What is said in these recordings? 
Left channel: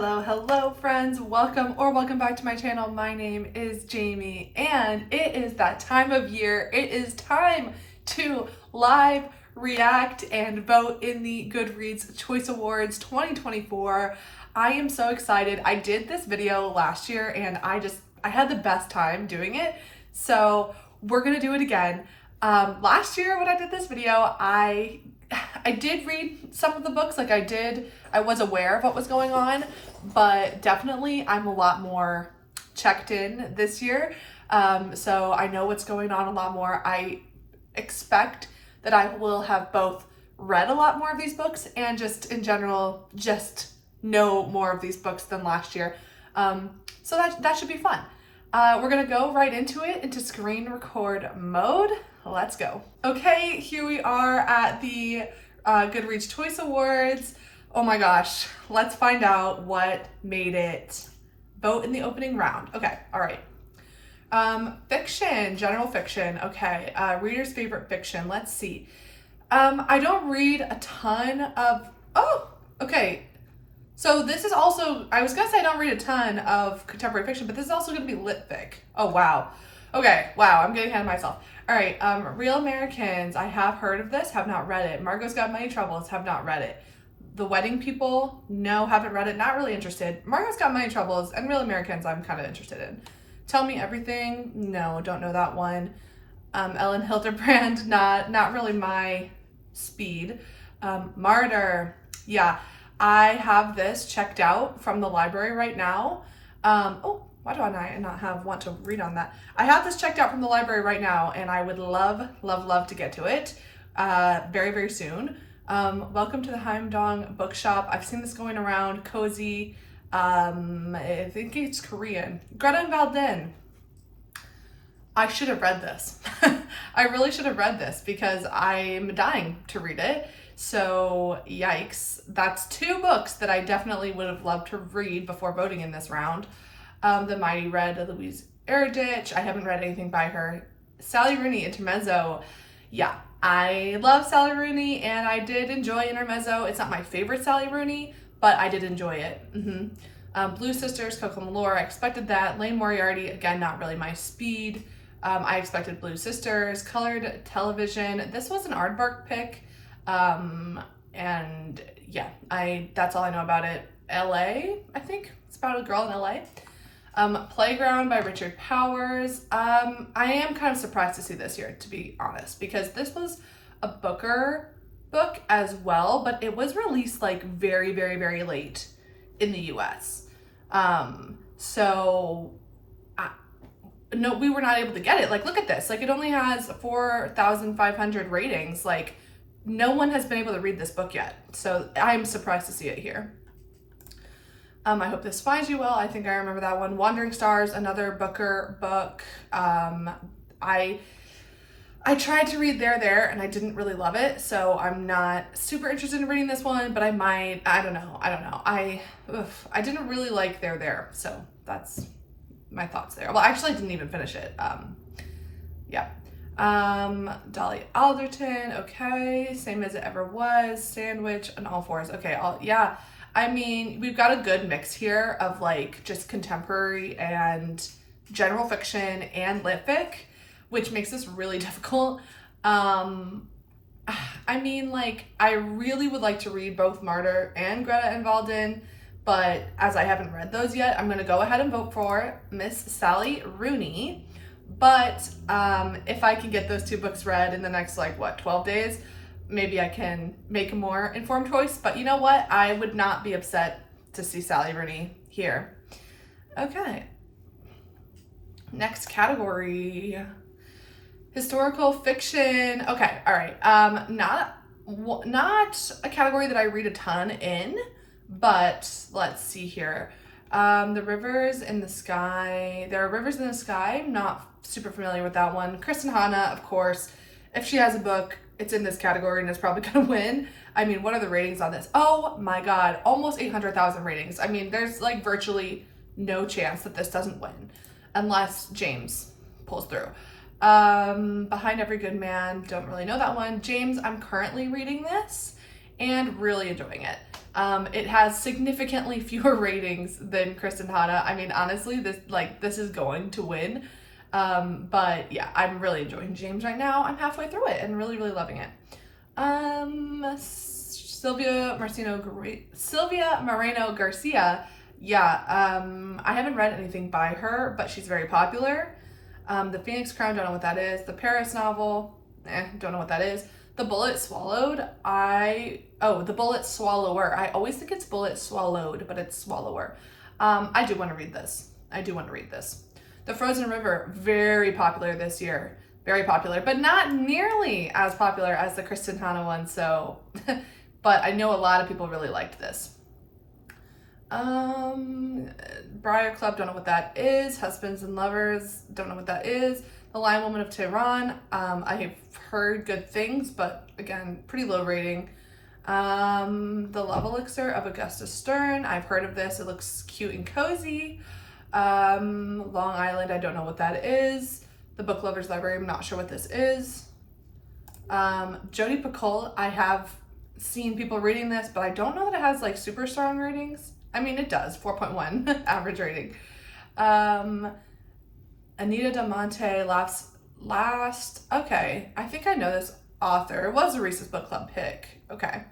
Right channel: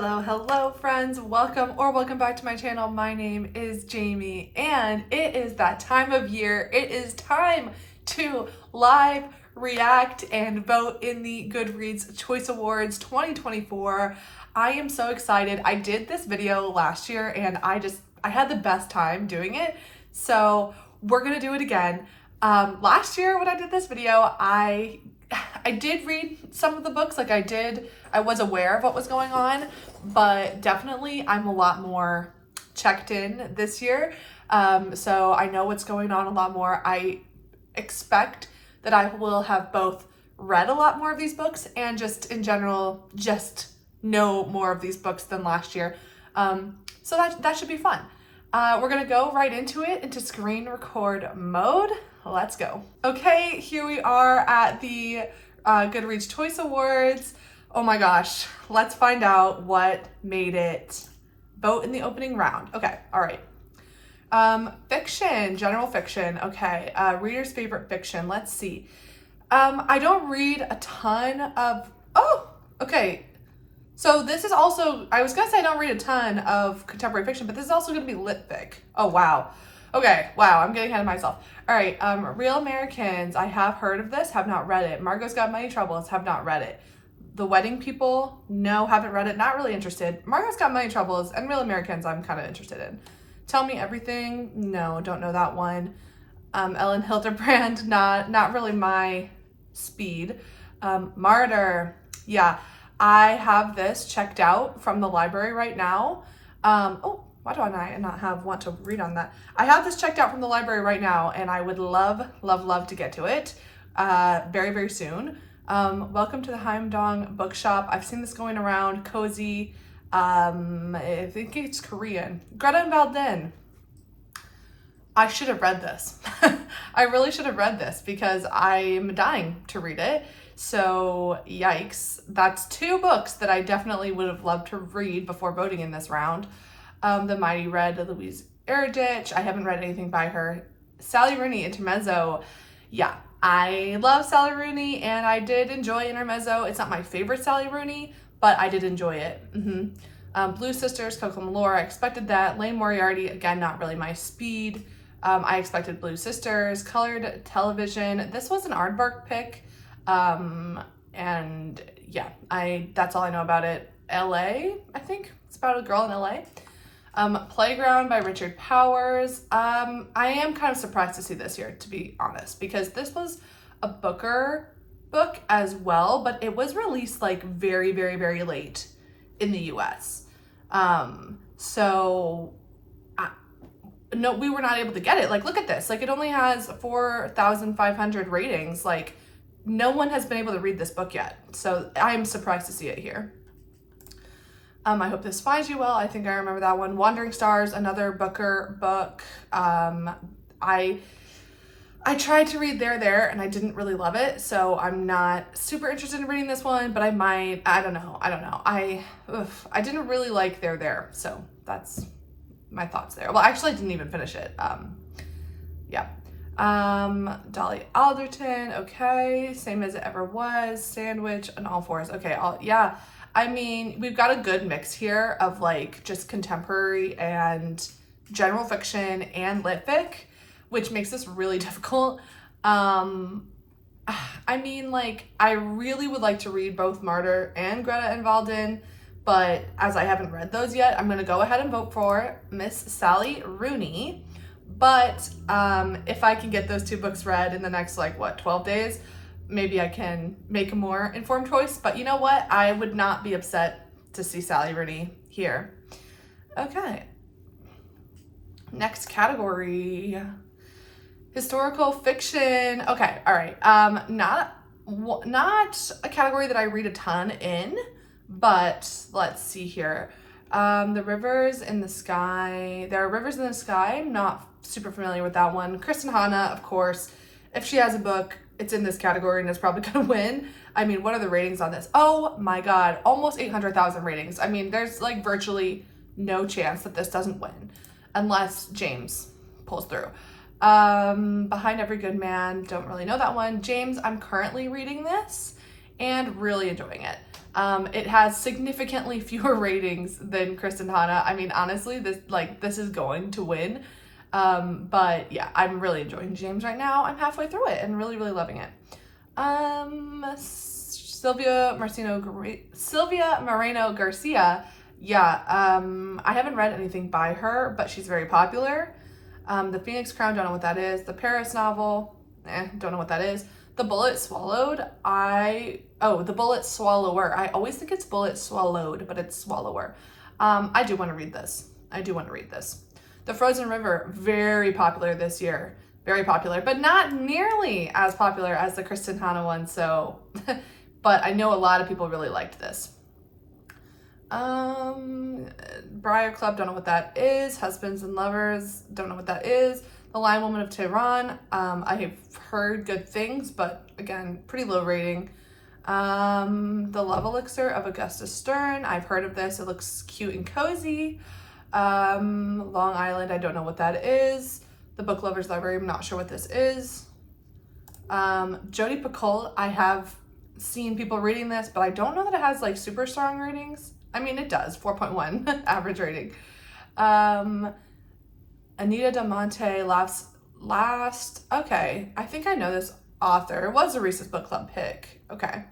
Hello friends, welcome back to my channel. My name is Jamie and it is that time of year. It is time to live react and vote in the GoodReads Choice Awards 2024. I am so excited. I did this video last year and I had the best time doing it. So we're gonna do it again. Last year when I did this video, I did read some of the books, I was aware of what was going on, but definitely I'm a lot more checked in this year. So I know what's going on a lot more. I expect that I will have both read a lot more of these books and just in general, just know more of these books than last year. So that should be fun. We're gonna go right into it, into screen record mode. Let's go. Okay, here we are at the GoodReads Choice Awards. Oh my gosh, let's find out what made it vote in the opening round. Okay, all right. Fiction, general fiction. Okay, reader's favorite fiction. Let's see. I don't read a ton of, okay. So this is also, I was gonna say I don't read a ton of contemporary fiction, but this is also gonna be lit fic. Oh, wow. Okay, wow, I'm getting ahead of myself. All right, Real Americans, I have heard of this, have not read it. Margot's Got Money Troubles, have not read it. The Wedding People, no, haven't read it, not really interested. Margot's Got Money Troubles and Real Americans, I'm kind of interested in. Tell Me Everything, no, don't know that one. Ellen Hildebrand, not really my speed. Martyr, yeah, I have this checked out from the library right now. Why do I not want to read on that? I have this checked out from the library right now and I would love to get to it very, very soon. Welcome to the Heimdong Bookshop. I've seen this going around. Cozy. I think it's Korean. Greta and Valdin. I should have read this. I really should have read this because I'm dying to read it. So yikes. That's two books that I definitely would have loved to read before voting in this round. The Mighty Red of Louise Erdrich. I haven't read anything by her. Sally Rooney, Intermezzo. Yeah, I love Sally Rooney and I did enjoy Intermezzo. It's not my favorite Sally Rooney, but I did enjoy it. Blue Sisters, Coco Malore, I expected that. Lane Moriarty, again, not really my speed. I expected Blue Sisters. Colored Television, this was an aardvark pick. And yeah, that's all I know about it. LA, I think it's about a girl in LA. Playground by Richard Powers. I am kind of surprised to see this here, to be honest, because this was a Booker book as well, but it was released like very, very, very late in the US. No, we were not able to get it. Like, look at this. Like, it only has 4,500 ratings. Like, no one has been able to read this book yet. So I'm surprised to see it here. I Hope This Finds You Well. I think I remember that one. Wandering Stars, another Booker book. I tried to read There, and I didn't really love it. So I'm not super interested in reading this one, but I might. I don't know. I didn't really like There. So that's my thoughts there. Well, actually I didn't even finish it. Yeah. Dolly Alderton, okay. Same as It Ever Was, Sandwich, and All Fours. Okay, yeah. I mean, we've got a good mix here of like just contemporary and general fiction and lit fic, which makes this really difficult. I mean, like, I really would like to read both Martyr and Greta and Valdin, but as I haven't read those yet, I'm gonna go ahead and vote for Miss Sally Rooney. But if I can get those two books read in the next, 12 days, maybe I can make a more informed choice. But you know what? I would not be upset to see Sally Rooney here. Okay. Next category. Historical fiction. Okay, all right. Not a category that I read a ton in, but let's see here. The Rivers in the Sky. There Are Rivers in the Sky. I'm not super familiar with that one. Kristen Hanna, of course. If she has a book, it's in this category and it's probably gonna win. I mean, what are the ratings on this? Oh my God, almost 800,000 ratings. I mean, there's like virtually no chance that this doesn't win unless James pulls through. Behind Every Good Man, don't really know that one. James, I'm currently reading this and really enjoying it. It has significantly fewer ratings than Kristen Hanna. I mean, honestly, this is going to win. But yeah, I'm really enjoying James right now. I'm halfway through it and really, really loving it. Sylvia Moreno Garcia. Yeah, I haven't read anything by her, but she's very popular. The Phoenix Crown, don't know what that is. The Paris novel, don't know what that is. The Bullet Swallowed, the Bullet Swallower. I always think it's Bullet Swallowed, but it's Swallower. I do want to read this. The Frozen River, very popular this year. Very popular, but not nearly as popular as the Kristen Hanna one, so, but I know a lot of people really liked this. Briar Club, don't know what that is. Husbands and Lovers, don't know what that is. The Lion Woman of Tehran, I have heard good things, but again, pretty low rating. The Love Elixir of Augusta Stern, I've heard of this. It looks cute and cozy. Long Island, I don't know what that is. The Book Lovers Library, I'm not sure what this is. Jodi Picoult, I have seen people reading this, but I don't know that it has like super strong ratings. I mean, it does, 4.1 average rating. Anita Damonte, last, okay, I think I know this author. It was a Reese's Book Club pick. Okay.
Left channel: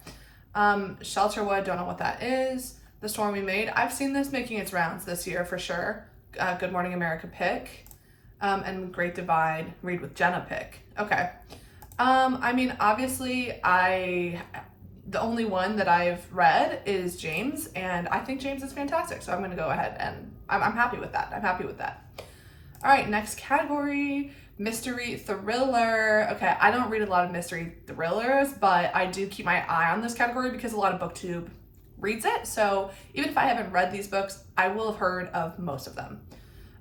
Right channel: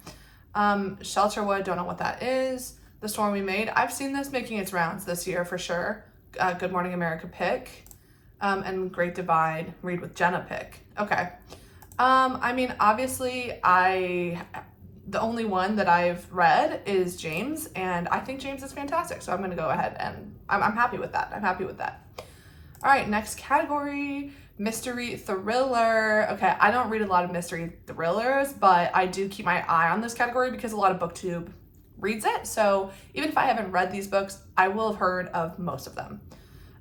Shelterwood, don't know what that is. The Storm We Made, I've seen this making its rounds this year for sure. Good Morning America pick. And Great Divide, Read with Jenna pick. Okay. I mean, obviously, the only one that I've read is James, and I think James is fantastic, so I'm going to go ahead and I'm happy with that. All right, next category, mystery thriller. Okay, I don't read a lot of mystery thrillers, but I do keep my eye on this category because a lot of BookTube reads it, so even if I haven't read these books, I will have heard of most of them.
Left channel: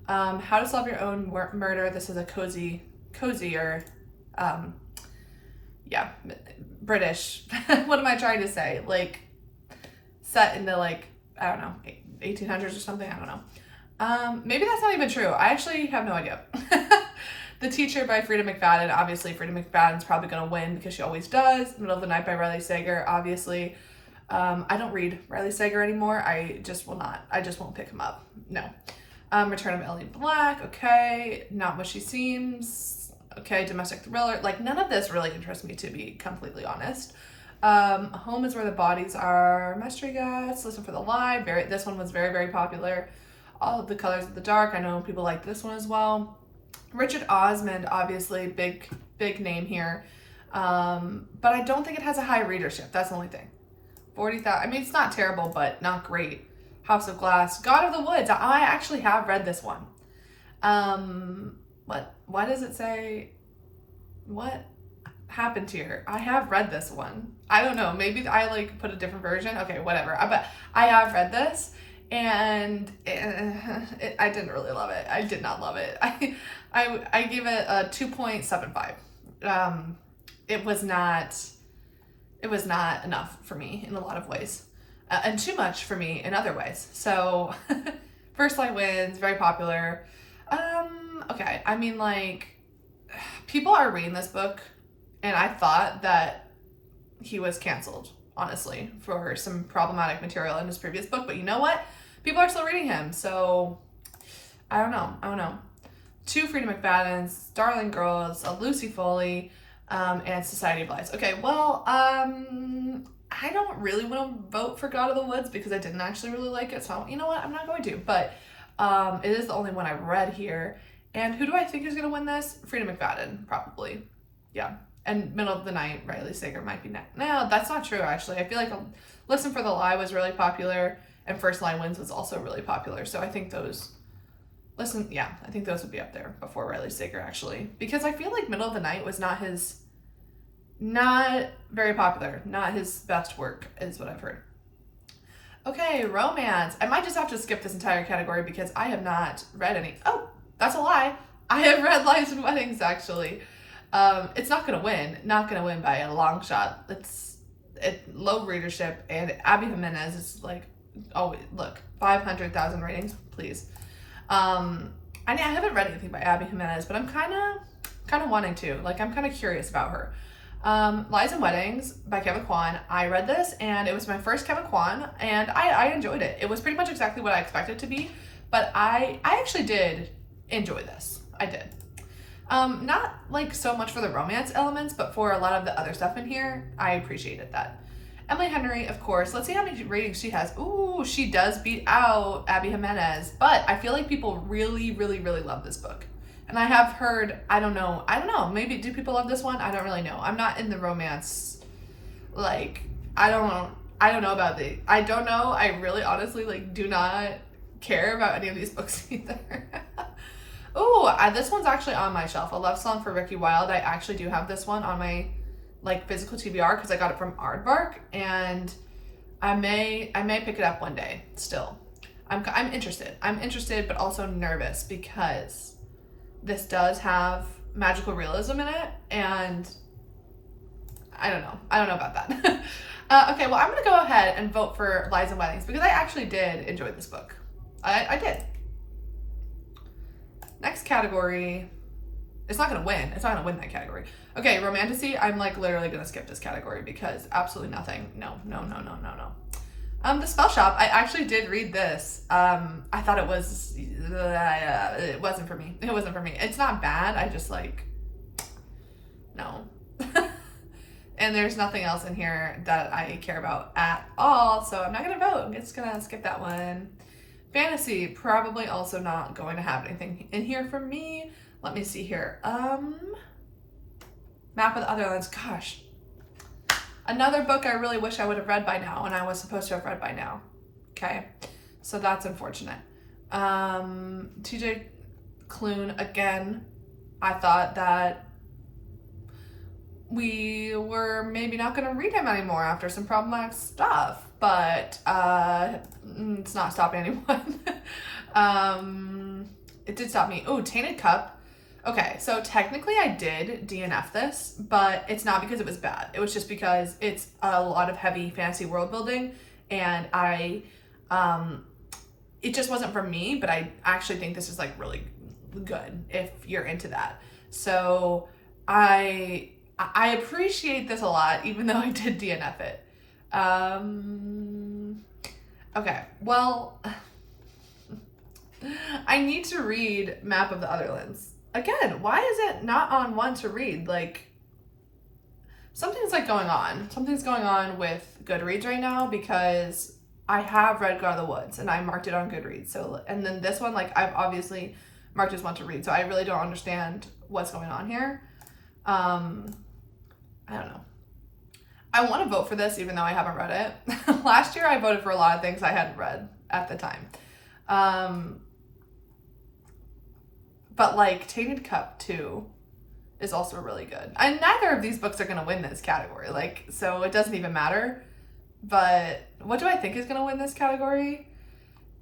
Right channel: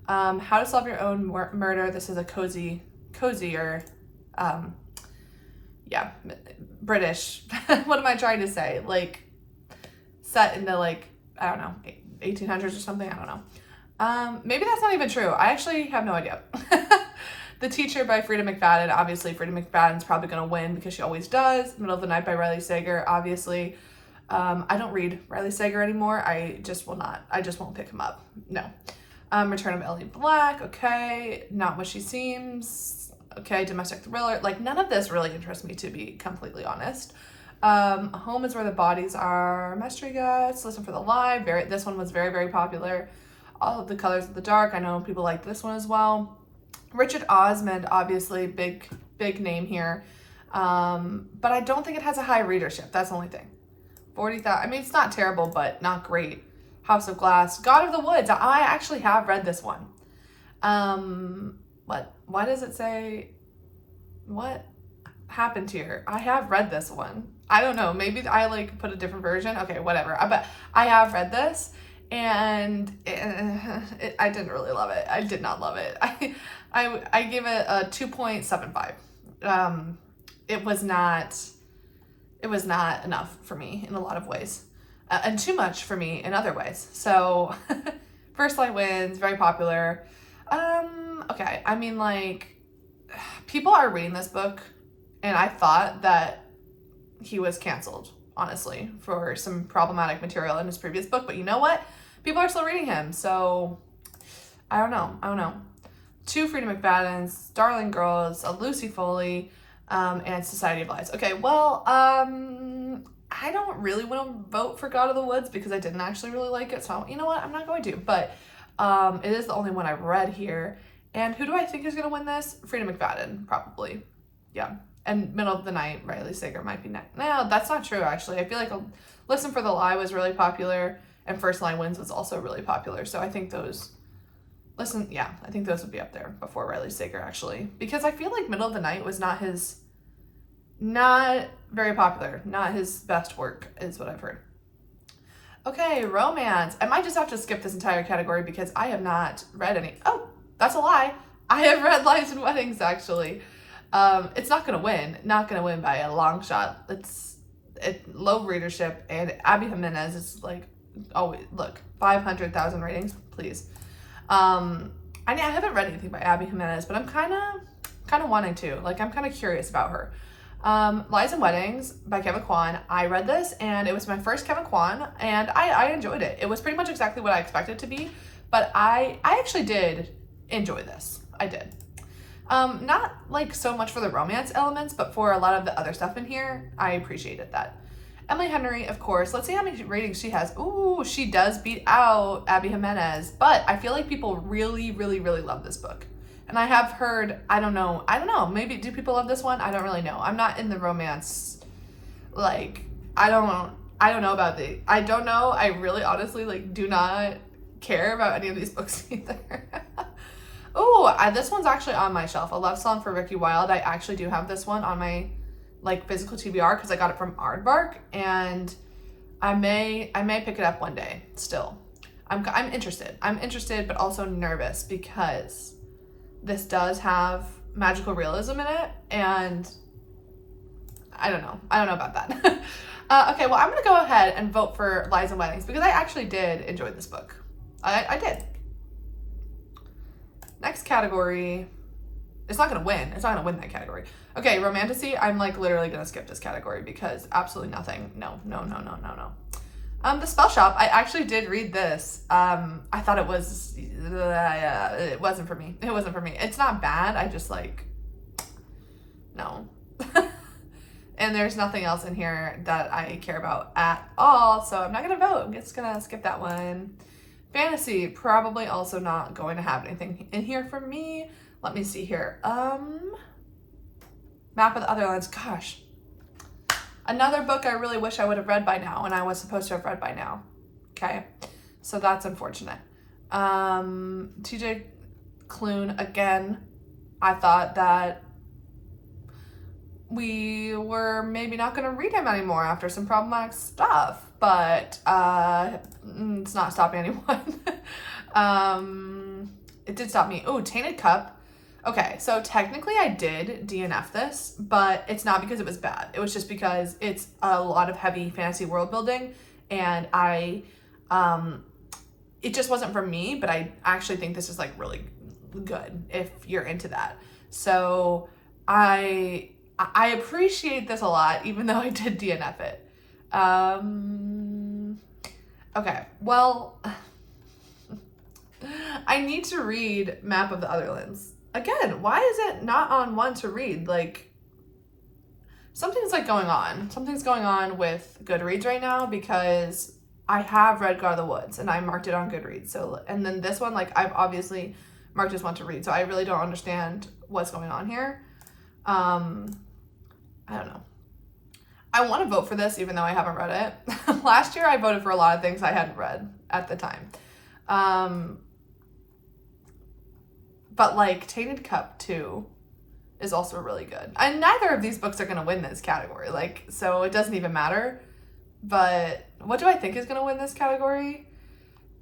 How to Solve Your Own Murder. This is a cozier, yeah, British. What am I trying to say? Like, set in the, like, I don't know, 1800s or something? I don't know. Maybe that's not even true. I actually have no idea. The Teacher by Frida McFadden. Obviously, Frida McFadden's probably going to win because she always does. Middle of the Night by Riley Sager, obviously. I don't read Riley Sager anymore. I just will not. I just won't pick him up. No. Return of Ellie Black. Okay. Not What She Seems. Okay. Domestic thriller. Like, none of this really interests me, to be completely honest. Home is Where the Bodies Are. Mystery Guest. Listen for the Lie. This one was very, very popular. All of the Colors of the Dark. I know people like this one as well. Richard Osmond, obviously, big name here. But I don't think it has a high readership. That's the only thing. 40,000. I mean, it's not terrible, but not great. House of Glass. God of the Woods. I actually have read this one. Why does it say? What happened here? I have read this one. I don't know. Maybe I like put a different version. Okay, whatever. But I have read this, and I didn't really love it. I did not love it. I gave it a 2.75. It was not enough for me in a lot of ways. And too much for me in other ways. So, First Light Wins, very popular. Okay, I mean, like, people are reading this book, and I thought that he was canceled, honestly, for some problematic material in his previous book. But you know what? People are still reading him, so I don't know. 2 Frida McFaddens, Darling Girls, a Lucy Foley, and Society of Lies. Okay, well, I don't really want to vote for God of the Woods because I didn't actually really like it. So, you know what? I'm not going to. But it is the only one I read here. And who do I think is going to win this? Frida McFadden, probably. Yeah. And Middle of the Night, Riley Sager might be next. No, that's not true, actually. I feel like Listen for the Lie was really popular. And First Line Wins was also really popular. So I think those... I think those would be up there before Riley Sager, actually. Because I feel like Middle of the Night was not very popular. Not his best work, is what I've heard. Okay, romance. I might just have to skip this entire category because I have not read any. Oh, that's a lie. I have read Lives and Weddings, actually. It's not going to win. Not going to win by a long shot. It's low readership, and Abby Jimenez is like, oh, look, 500,000 ratings, please. I haven't read anything by Abby Jimenez, but I'm kind of wanting to. Like, I'm kind of curious about her. Lies and Weddings by Kevin Kwan. I read this and it was my first Kevin Kwan and I enjoyed it. It was pretty much exactly what I expected it to be, but I actually did enjoy this. I did. Not like so much for the romance elements, but for a lot of the other stuff in here, I appreciated that. Emily Henry, of course. Let's see how many ratings she has. Ooh, she does beat out Abby Jimenez, but I feel like people really, really, really love this book. And I have heard, I don't know, maybe do people love this one? I don't really know. I'm not in the romance, like, I don't know about I don't know. I really honestly, like, do not care about any of these books either. Oh, this one's actually on my shelf. A Love Song for Ricky Wilde. I actually do have this one on my, like, physical TBR because I got it from Aardvark, and I may pick it up one day still. I'm interested. I'm interested, but also nervous because this does have magical realism in it, and I don't know about that. Okay, well, I'm gonna go ahead and vote for Lies and Weddings because I actually did enjoy this book. I did. Next category, it's not gonna win. It's not gonna win that category. Okay, Romantasy, I'm like literally gonna skip this category because absolutely nothing. No. The Spell Shop, I actually did read this. I thought it wasn't for me. It wasn't for me. It's not bad. I just like, no. And there's nothing else in here that I care about at all. So I'm not gonna vote. I'm just gonna skip that one. Fantasy, probably also not going to have anything in here for me. Let me see here. Map of the Otherlands, gosh. Another book I really wish I would have read by now, and I was supposed to have read by now. Okay, so that's unfortunate. TJ Klune, again, I thought that we were maybe not going to read him anymore after some problematic stuff, but it's not stopping anyone. It did stop me. Oh, Tainted Cup. Okay, so technically I did DNF this, but it's not because it was bad. It was just because it's a lot of heavy fantasy world building, and it just wasn't for me, but I actually think this is like really good if you're into that. So I appreciate this a lot, even though I did DNF it. Okay, well, I need to read Map of the Otherlands. Again, why is it not on one to read? Like, something's like going on. Something's going on with GoodReads right now because I have read God of the Woods and I marked it on GoodReads. So, and then this one, like, I've obviously marked as one to read. So I really don't understand what's going on here. I don't know. I want to vote for this even though I haven't read it. Last year I voted for a lot of things I hadn't read at the time. But like Tainted Cup 2 is also really good. And neither of these books are going to win this category. Like, so it doesn't even matter. But what do I think is going to win this category?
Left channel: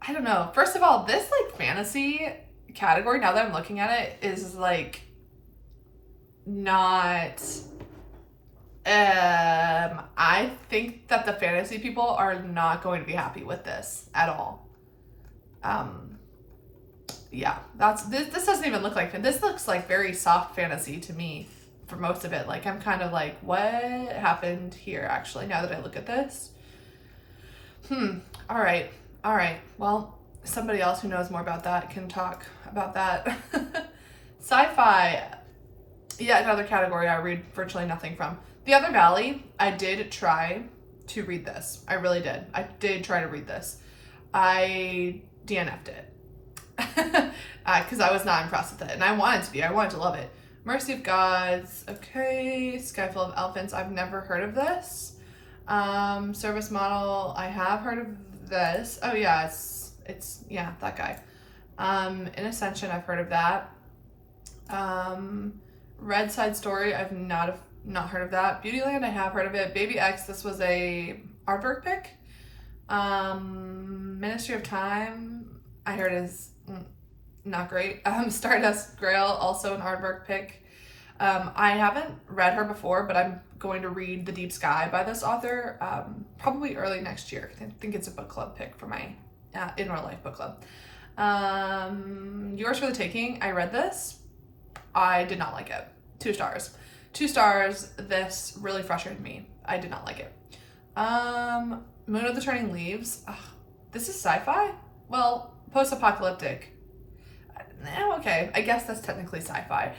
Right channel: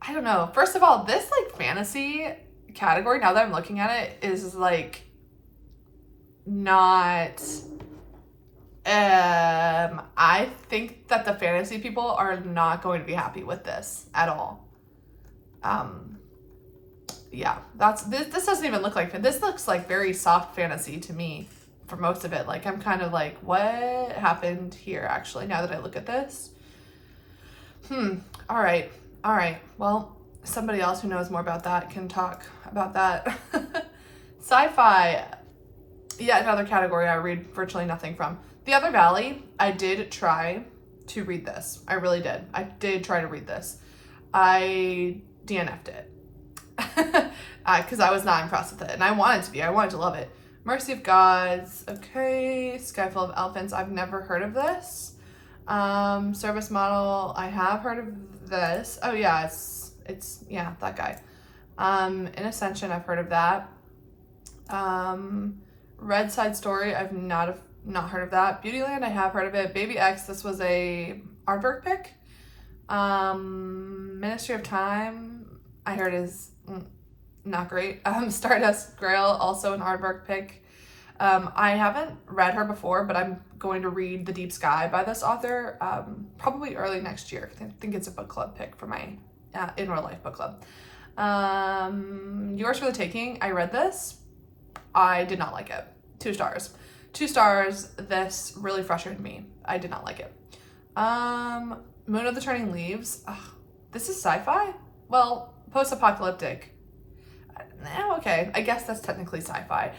I don't know. First of all, this like fantasy category, now that I'm looking at it, is like not... I think that the fantasy people are not going to be happy with this at all. Yeah, this doesn't even look like, this looks like very soft fantasy to me for most of it. Like, I'm kind of like, what happened here actually, now that I look at this? All right. Well, somebody else who knows more about that can talk about that. Sci-fi, yeah, another category I read virtually nothing from. The Other Valley, I did try to read this. I really did. I did try to read this. I DNF'd it. Because I was not impressed with it. And I wanted to be. I wanted to love it. Mercy of Gods. Okay. Sky Full of Elephants. I've never heard of this. Service Model. I have heard of this. Oh, yeah. It's yeah, that guy. In Ascension, I've heard of that. Red Side Story. I've not heard of that. Beautyland, I have heard of it. Baby X, this was a Aardvark pick. Ministry of Time, I heard is not great. Stardust Grail, also an Aardvark pick. I haven't read her before, but I'm going to read The Deep Sky by this author probably early next year. I think it's a book club pick for my in real life book club. Yours for the Taking, I read this. I did not like it. 2 stars. 2 stars. This really frustrated me. I did not like it. Moon of the Turning Leaves. Ugh, this is sci-fi? Well, post-apocalyptic. Okay, I guess that's technically sci-fi.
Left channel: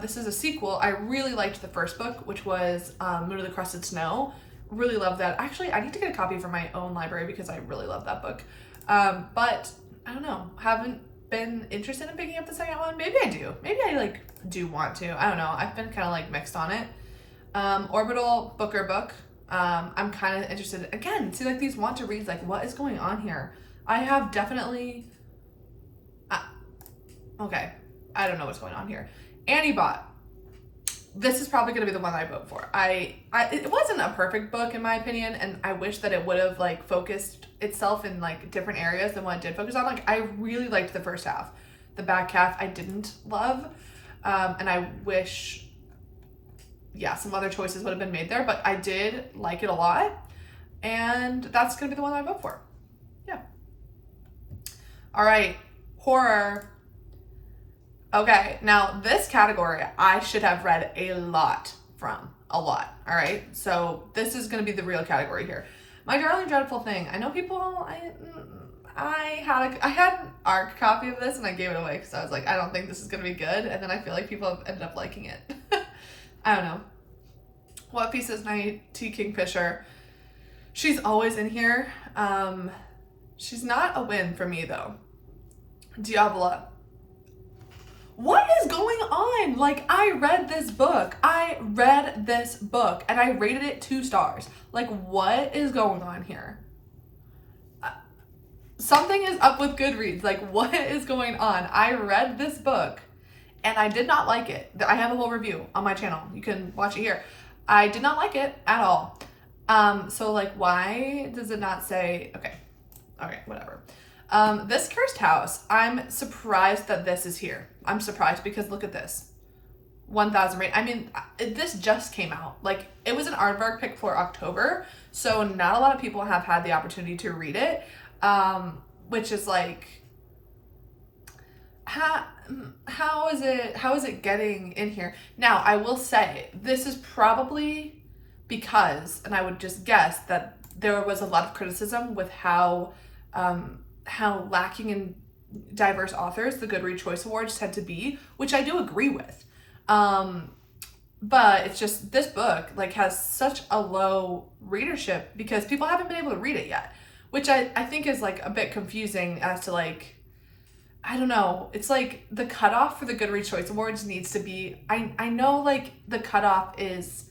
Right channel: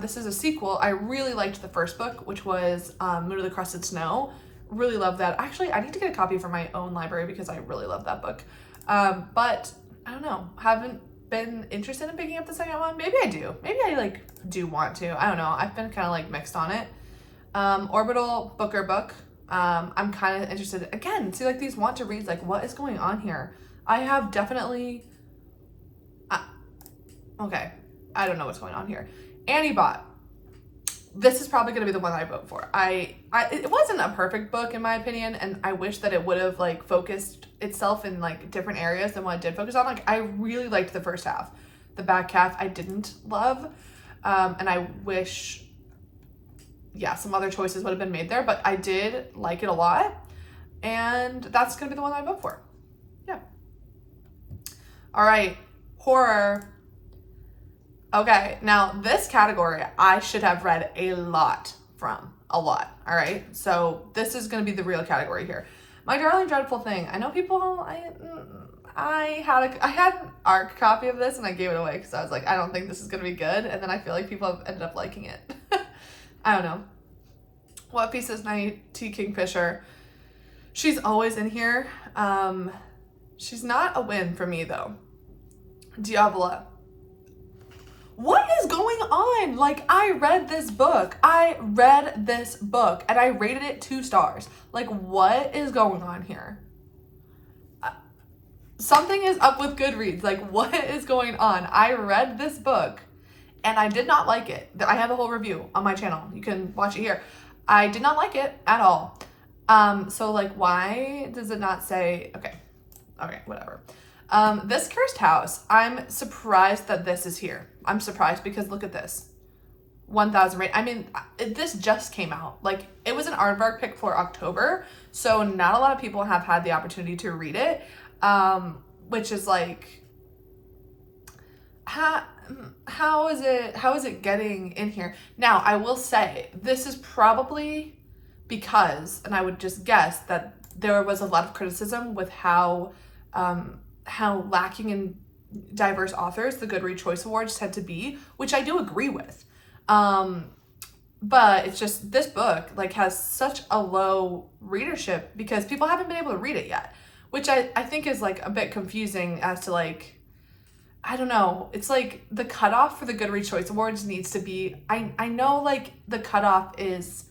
This is a sequel. I really liked the first book, which was Moon of the Crusted Snow. Really love that. Actually, I need to get a copy for my own library because I really love that book. But I don't know. Haven't been interested in picking up the second one. Maybe I do. Maybe I like do want to. I don't know. I've been kind of like mixed on it. Orbital Booker book. I'm kind of interested. Again, see like these want to reads. Like what is going on here? I have definitely. Okay, I don't know what's going on here. Annie Bot. This is probably going to be the one I vote for. It wasn't a perfect book in my opinion, and I wish that it would have like focused itself in like different areas than what it did focus on. Like I really liked the first half. The back half I didn't love, and I wish, yeah, some other choices would have been made there, but I did like it a lot, and that's going to be the one I vote for. Yeah. All right, horror. Okay, now this category I should have read a lot from. All right? So this is gonna be the real category here. My Darling Dreadful Thing. I know people, I had an ARC copy of this and I gave it away because I was like, I don't think this is gonna be good. And then I feel like people have ended up liking it. I don't know. What Piece is my T. Kingfisher? She's always in here. She's not a win for me though. Diavola. What is going on? Like, I read this book and I rated it 2 stars. Like, what is going on here? Something is up with GoodReads. Like, what is going on? I read this book and I did not like it. I have a whole review on my channel. You can watch it here. I did not like it at all. So like, why does it not say, okay, whatever. This Cursed House, I'm surprised that this is here. I'm surprised because look at this. 1,000 rate. I mean, this just came out. Like, it was an aardvark pick for October, so not a lot of people have had the opportunity to read it, which is like, how is it getting in here? Now, I will say, this is probably because, and I would just guess that there was a lot of criticism with how lacking in diverse authors the Goodreads Choice Awards tend to be, which I do agree with. But it's just this book like has such a low readership because people haven't been able to read it yet, which I think is like a bit confusing as to like, I don't know. It's like the cutoff for the Goodreads Choice Awards needs to be, I know like the cutoff is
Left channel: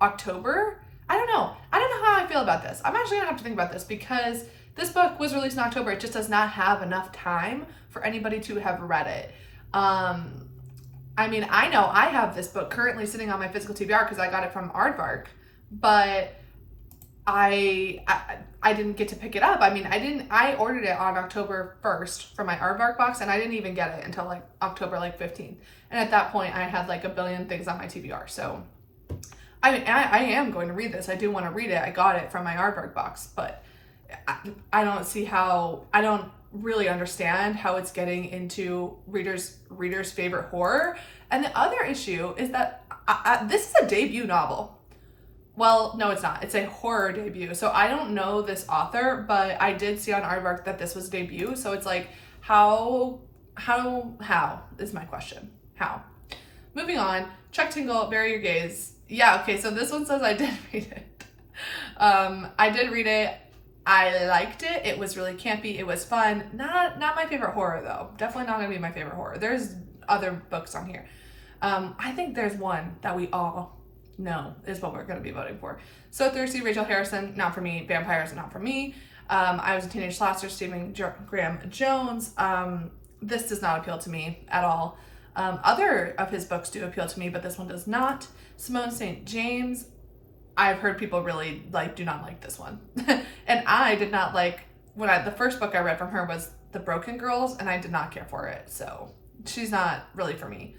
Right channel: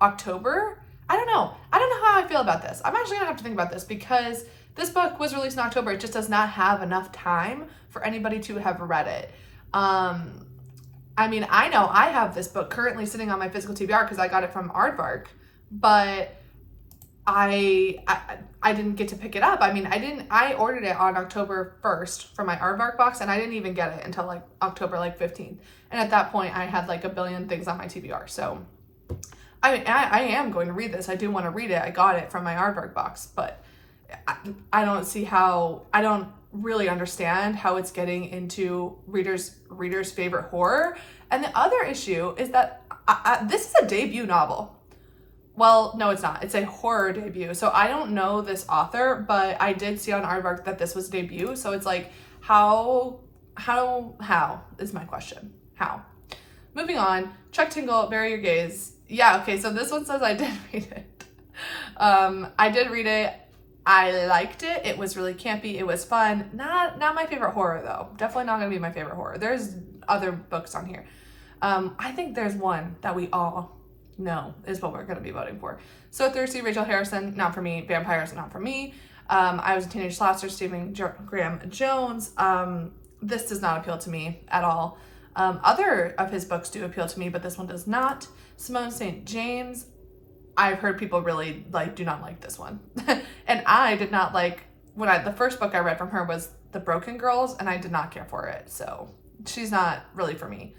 October. I don't know how I feel about this. I'm actually gonna have to think about this because this book was released in October. It just does not have enough time for anybody to have read it. I mean, I know I have this book currently sitting on my physical TBR because I got it from Aardvark, but I didn't get to pick it up. I mean, I ordered it on October 1st for my Aardvark box and I didn't even get it until like October 15th. And at that point I had like a billion things on my TBR. So I am going to read this. I do want to read it. I got it from my Aardvark box, but I don't see how, I don't really understand how it's getting into readers' favorite horror. And the other issue is that this is a debut novel. Well, no, it's not. It's a horror debut. So I don't know this author, but I did see on Aardvark that this was a debut. So it's like, how is my question? How? Moving on, Chuck Tingle, Bury Your Gaze. Yeah, okay, so this one says I did read it. I did read it. I liked it. It was really campy. It was fun. Not my favorite horror though. Definitely not gonna be my favorite horror. There's other books on here. I think there's one that we all know is what we're gonna be voting for. So Thirsty, Rachel Harrison, not for me. Vampires, not for me. I Was a Teenage Slasher, Stephen Graham Jones. This does not appeal to me at all. Other of his books do appeal to me, but this one does not. Simone St. James. I've heard people really do not like this one. And I did not like, the first book I read from her was The Broken Girls and I did not care for it. So she's not really for me.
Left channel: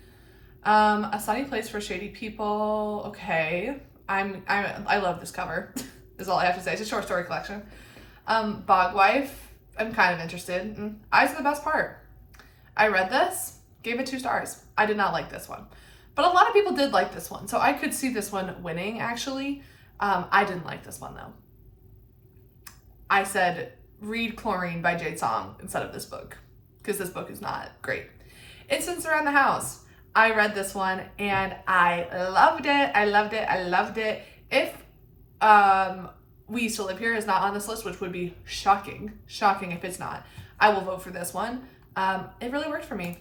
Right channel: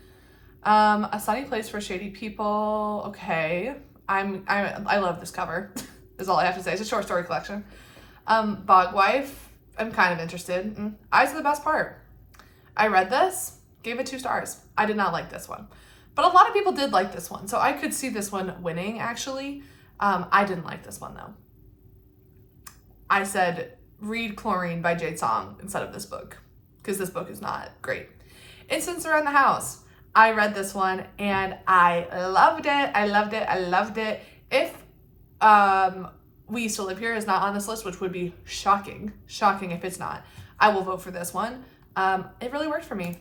A Sunny Place for Shady People. Okay. I love this cover is all I have to say. It's a short story collection. Bogwife. I'm kind of interested. Eyes are the Best Part. I read this, gave it 2 stars. I did not like this one. But a lot of people did like this one, so I could see this one winning, actually. I didn't like this one, though. I said, read Chlorine by Jade Song instead of this book, because this book is not great. Incidents Around the House. I read this one, and I loved it. I loved it. I loved it. If We Used to Live Here is not on this list, which would be shocking if it's not, I will vote for this one. It really worked for me.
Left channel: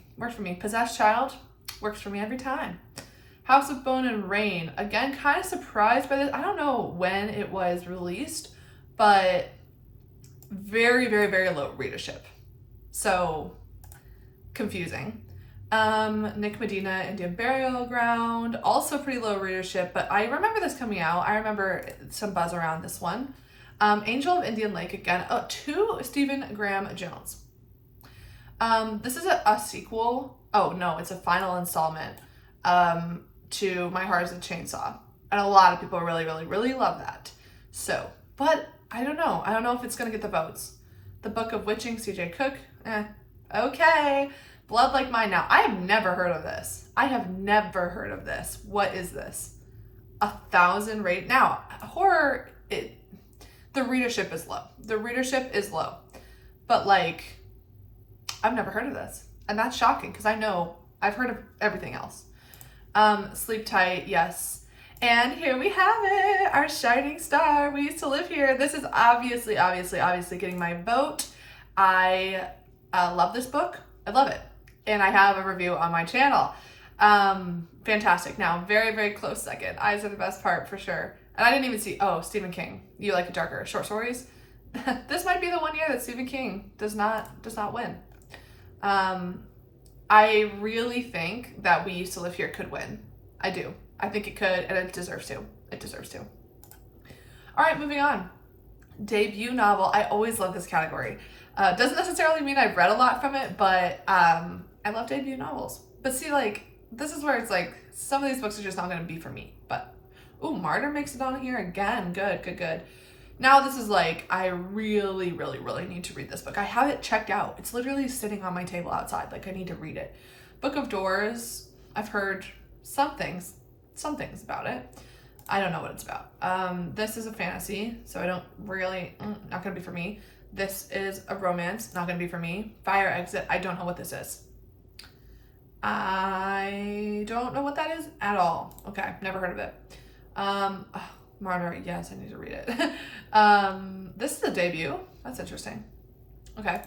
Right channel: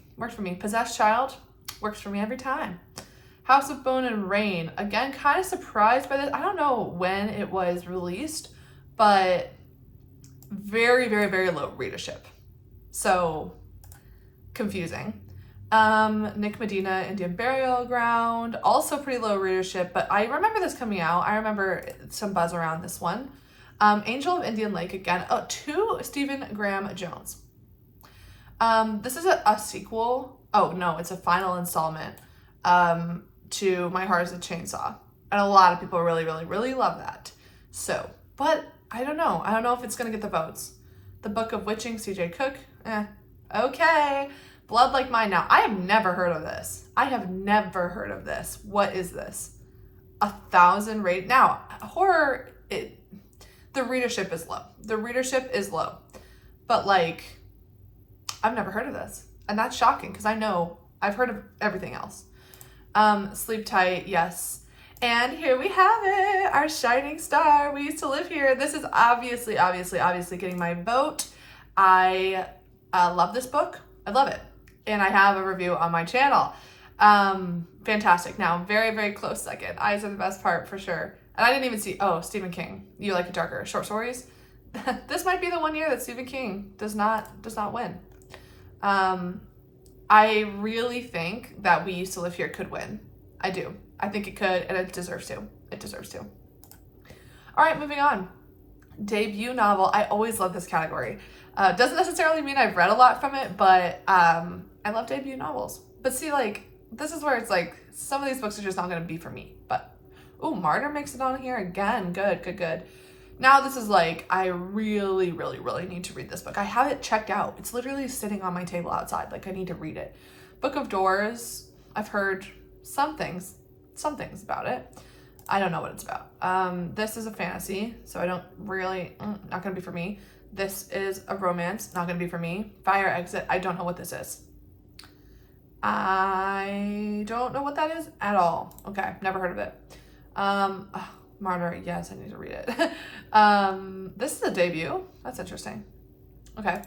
Possessed Child works for me every time. House of Bone and Rain, again, kind of surprised by this. I don't know when it was released, but very, very, very low readership. So confusing. Nick Medina, Indian Burial Ground, also pretty low readership, but I remember this coming out. I remember some buzz around this one. Angel of Indian Lake, again, to Stephen Graham Jones. This is a sequel. Oh no, it's a final installment to My Heart is a Chainsaw. And a lot of people really, really, really love that. So, but I don't know. I don't know if it's going to get the votes. The Book of Witching, C.J. Cook. Okay. Blood Like Mine. Now, I have never heard of this. What is this? 1,000 rate. Now, horror, the readership is low. But like, I've never heard of this. And that's shocking because I know I've heard of everything else. Sleep Tight, yes. And here we have it, our shining star. We Used to Live Here. This is obviously getting my vote. I love this book. I love it. And I have a review on my channel. Fantastic. Now, very, very close second. Eyes Are the Best Part for sure. And I didn't even see, Stephen King. You like darker short stories? This might be the 1 year that Stephen King does not win. I really think that We Used to Live Here could win. I do. I think it could, and it deserves to. All right, moving on. Debut novel. I always love this category. Doesn't necessarily mean I've read a lot from it, but I love debut novels. But see, like, this is where it's like, some of these books are just not going to be for me. But, Martyr makes it on here again. Good. Now this is like, I really, really, really need to read this book. I have it checked out. It's literally sitting on my table outside. Like, I need to read it. Book of Doors. I've heard some things about it. I don't know what it's about. This is a fantasy, so I don't really, not going to be for me. This is a romance, not going to be for me. Fire Exit, I don't know what this is. I don't know what that is at all. Okay, never heard of it. Martyr, yes, I need to read it. This is a debut. That's interesting. Okay.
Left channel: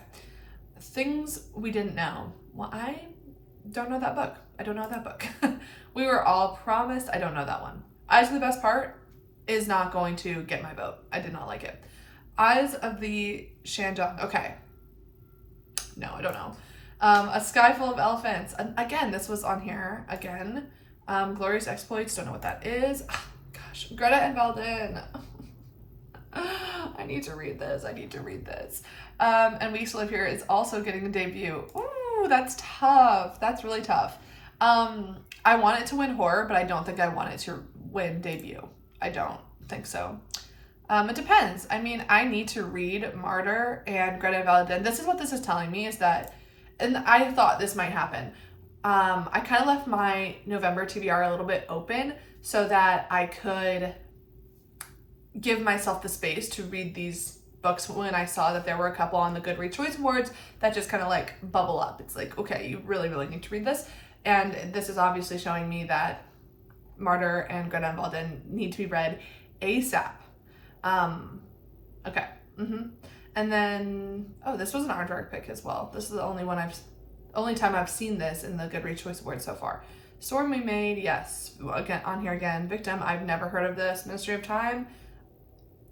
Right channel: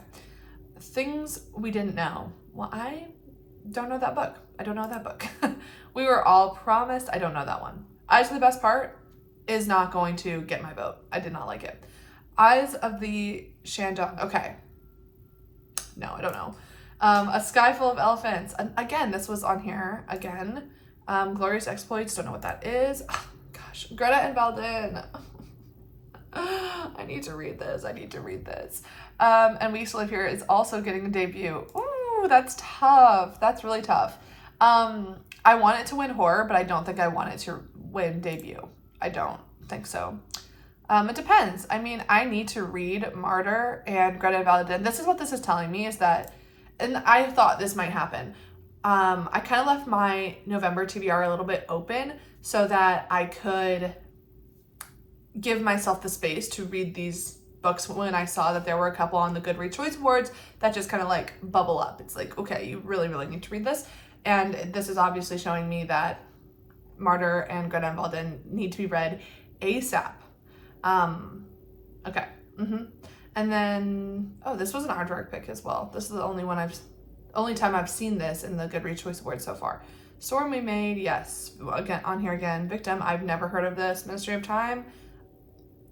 Things We Didn't Know. Well, I don't know that book. We Were All Promised. I don't know that one. Eyes of the Best Part is not going to get my vote. I did not like it. Eyes of the Shandong. Okay. No, I don't know. A Sky Full of Elephants. Again, this was on here. Again. Glorious Exploits. Don't know what that is. Oh, gosh. Greta and Valden. I need to read this. And We Used to Live Here is also getting a debut. Ooh, that's tough. That's really tough. I want it to win horror, but I don't think I want it to win debut. I don't think so. It depends. I mean, I need to read Martyr and Greta Valden. This is what this is telling me, is that, and I thought this might happen. I kind of left my November TBR a little bit open so that I could give myself the space to read these books when I saw that there were a couple on the GoodReads Choice Awards that just kind of like bubble up. It's like, okay, you really, really need to read this. And this is obviously showing me that Martyr and Greta Valden need to be read ASAP. Okay. And then, this was an aardvark pick as well. This is the only time I've seen this in the GoodReads Choice Awards so far. Storm We Made, yes. Again, on here again. Victim, I've never heard of this. Ministry of Time,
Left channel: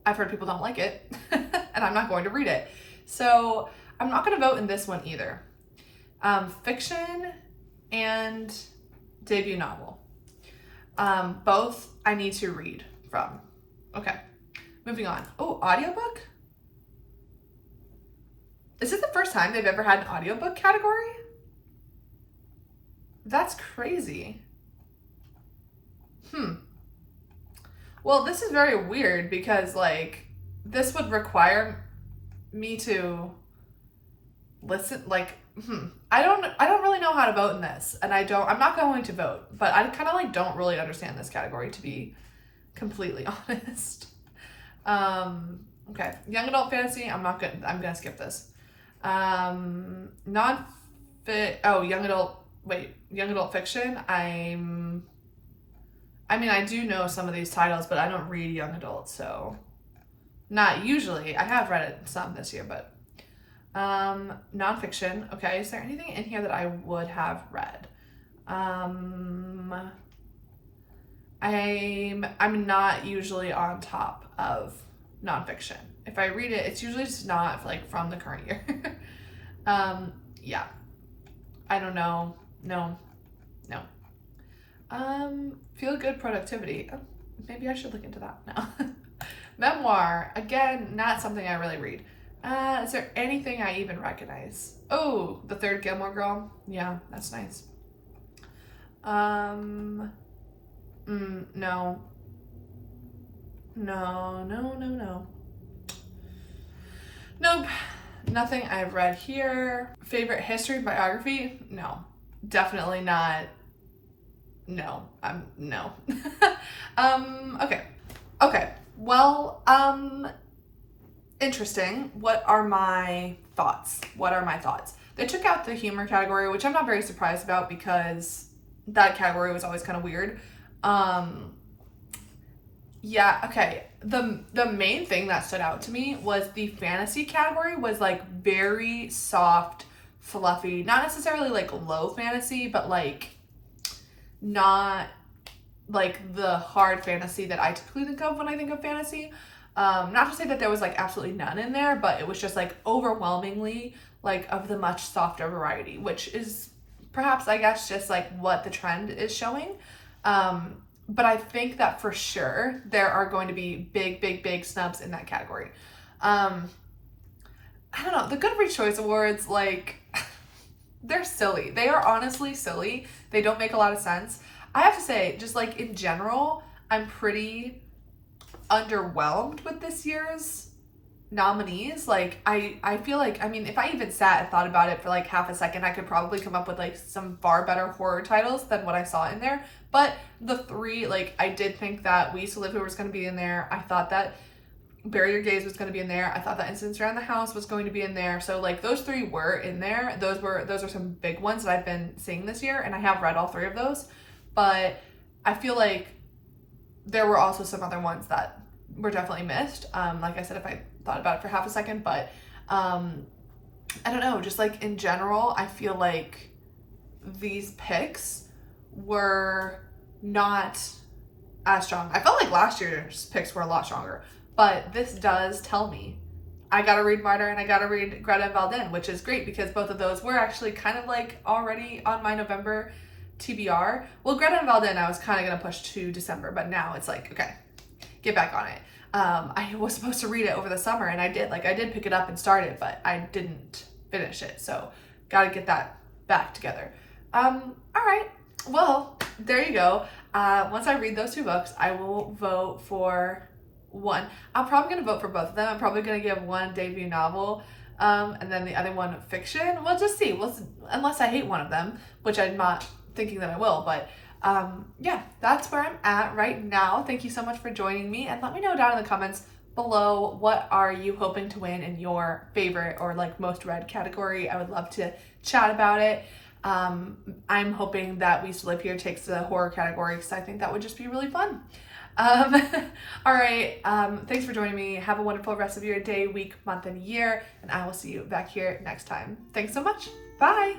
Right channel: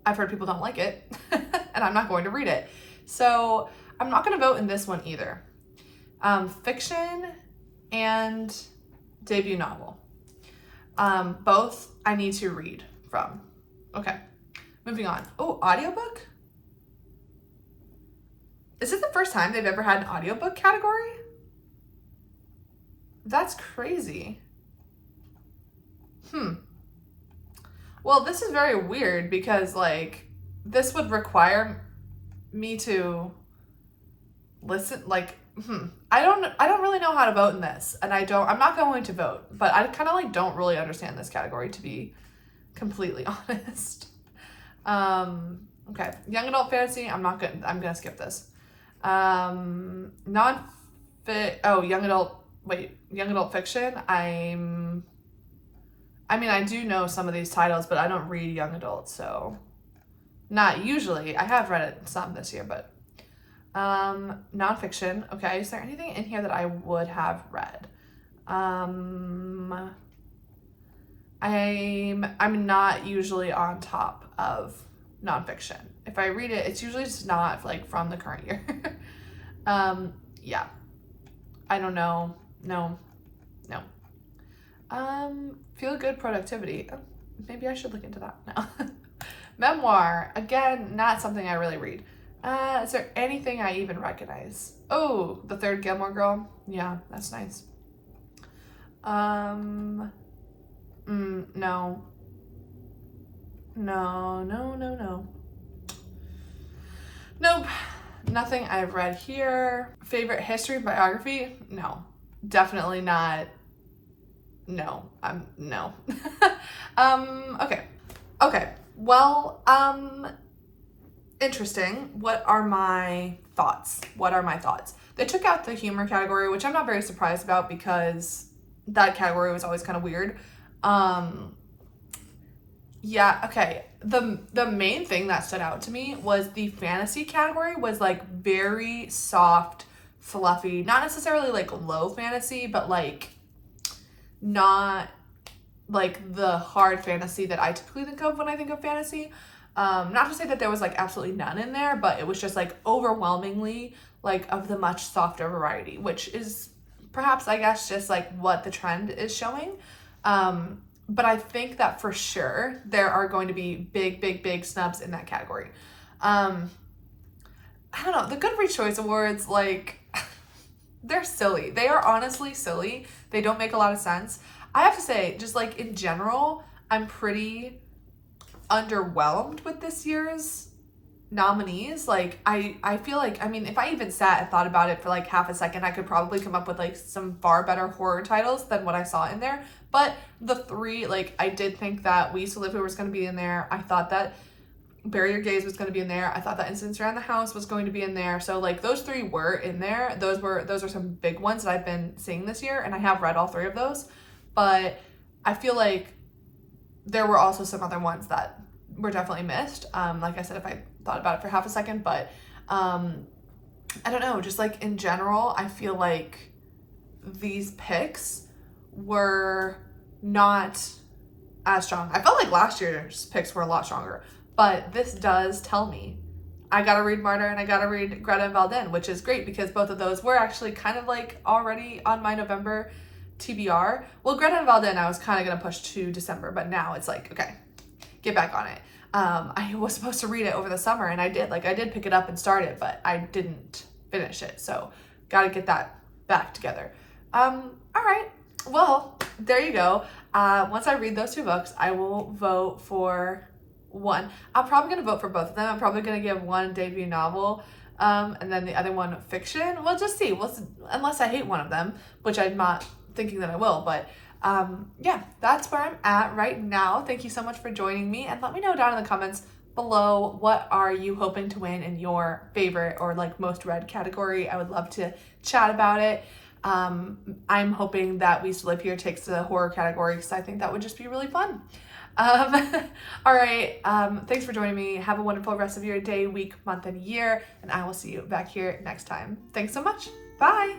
I've heard people don't like it, and I'm not going to read it. So I'm not going to vote in this one either. Fiction and debut novel. Both I need to read from. Okay, moving on. Oh, audiobook? Is it the first time they've ever had an audiobook category? That's crazy. Well, this is very weird because, like, this would require me to listen, like, I don't really know how to vote in this, and I'm not going to vote, but I kind of like don't really understand this category, to be completely honest. Okay, young adult fantasy, I'm gonna skip this. Young adult fiction, I do know some of these titles, but I don't read young adult, so not usually. I have read it some this year, but nonfiction. Okay, is there anything in here that I would have read? I'm not usually on top of nonfiction. If I read it, it's usually just not like from the current year. Yeah, I don't know. No. Feel good productivity. Oh, maybe I should look into that now. Memoir, again, not something I really read. Is there anything I even recognize? Oh, The Third Gilmore Girl. Yeah, that's nice. No. Nope. Nothing I've read here. Favorite history biography? No. Definitely not. No. No. Okay. Well, interesting. What are my thoughts? They took out the humor category, which I'm not very surprised about because that category was always kind of weird. Yeah, okay. The main thing that stood out to me was the fantasy category was like very soft, fluffy, not necessarily like low fantasy, but like not like the hard fantasy that I typically think of when I think of fantasy. Not to say that there was like absolutely none in there, but it was just like overwhelmingly like of the much softer variety, which is perhaps, I guess, just like what the trend is showing. But I think that for sure there are going to be big snubs in that category. I don't know, the GoodReads Choice Awards, like, they're silly. They are honestly silly. They don't make a lot of sense. I have to say, just like in general, I'm pretty underwhelmed with this year's nominees. Like, I feel like, I mean, if I even sat and thought about it for like half a second, I could probably come up with like some far better horror titles than what I saw in there. But the three, like, I did think that We Used to Live Here was going to be in there. I thought that Bury Your Gaze was going to be in there. I thought that Incidents Around the House was going to be in there. So like those three were in there. Those are some big ones that I've been seeing this year, and I have read all three of those. But I feel like there were also some other ones that were definitely missed. Like I said, if I thought about it for half a second, but I don't know, just like in general, I feel like these picks were not as strong. I felt like last year's picks were a lot stronger, but this does tell me I gotta read Martyr and I gotta read Greta and Valdin, which is great because both of those were actually kind of like already on my November TBR. Well, Greta and Valdin I was kind of gonna push to December, but now it's like, okay, get back on it. I was supposed to read it over the summer and I did pick it up and start it, but I didn't finish it. So gotta get that back together. All right. Well, there you go. Once I read those two books, I will vote for one. I'm probably going to vote for both of them. I'm probably going to give one debut novel, and then the other one fiction. We'll just see. Unless I hate one of them, which I'm not thinking that I will. But yeah, that's where I'm at right now. Thank you so much for joining me, and let me know down in the comments below, what are you hoping to win in your favorite or like most read category? I would love to chat about it. I'm hoping that We Used to Live Here takes the horror category because I think that would just be really fun. All right. Thanks for joining me. Have a wonderful rest of your day, week, month, and year, and I will see you back here next time. Thanks so much. Bye.